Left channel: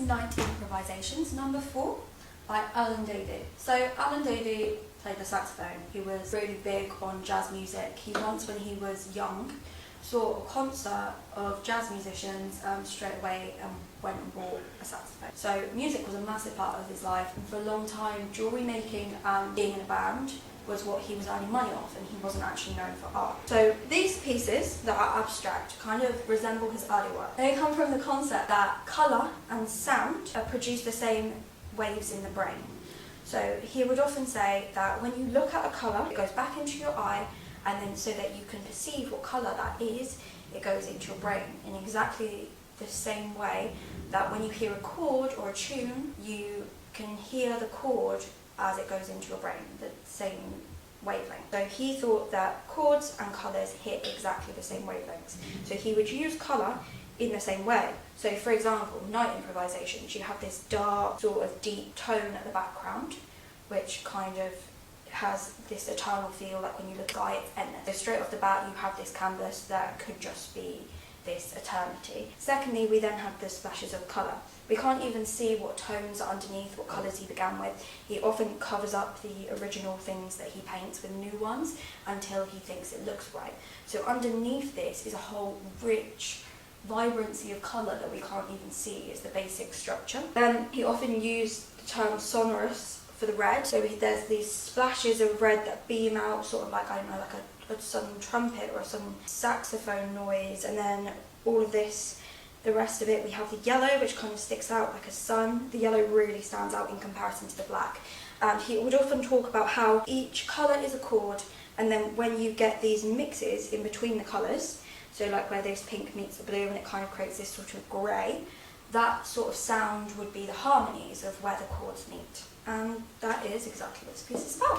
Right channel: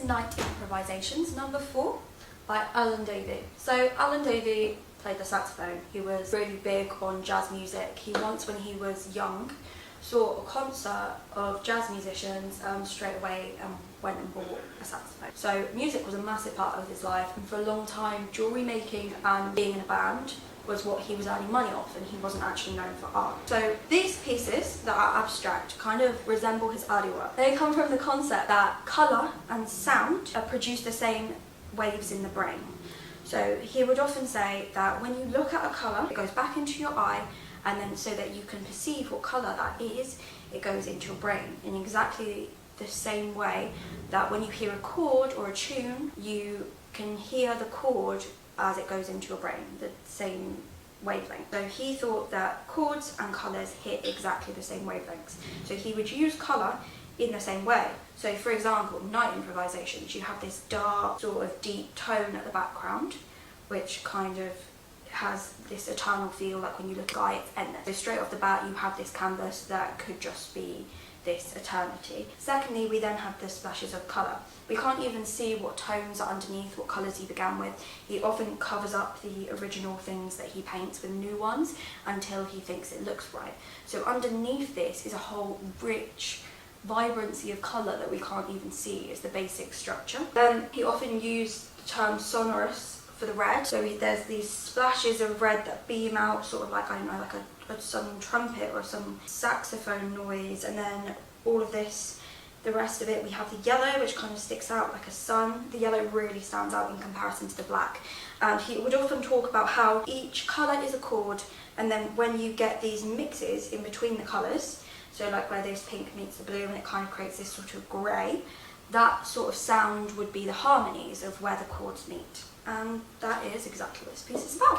Night Improvisations, number 4, by Alan Davie. So Alan Davie played the saxophone. He was really big on jazz music. He once, when he was young, saw a concert of jazz musicians straight away and went and bought a saxophone. So music was a massive part of his life, and for a long time jewellery making and being in a band was what he was earning money off, and he wasn't actually known for art. So these pieces that are abstract kind of resemble his early work. They come from the concept that colour and sound produce the same waves in the brain. So he would often say that when you look at a colour, it goes back into your eye, and then so that you can perceive what colour that is, it goes into your brain in exactly the same way that when you hear a chord or a tune, you can hear the chord as it goes into your brain, the same wavelength. So he thought that chords and colours hit exactly the same wavelengths. So he would use colour in the same way. So for example, Night Improvisations, you have this dark, sort of deep tone at the background, which kind of has this eternal feel, like when you look at the sky, it's endless. So straight off the bat, you have this canvas that could just be this eternity. Secondly, we then have the splashes of colour. We can't even see what tones are underneath, what colours he began with. He often covers up the original things that he paints with new ones until he thinks it looks right. So underneath this is a whole rich vibrancy of colour that we can't even see as the basic structure. Then he often used the term sonorous for the red. So there's these splashes of red that beam out, sort of like, I don't know, like some trumpet or some saxophone noise, and then all of this, the rest of it, we have the yellow, which kind of sticks out like a sun. The yellow really stands out in comparison to the black. And he would often talk about how each colour is a chord, and then when you get these mixes in between the colours, so like where this pink meets the blue and it kind of creates this sort of grey, that sort of sound would be the harmonies of where the chords meet. And that is exactly what this piece is about.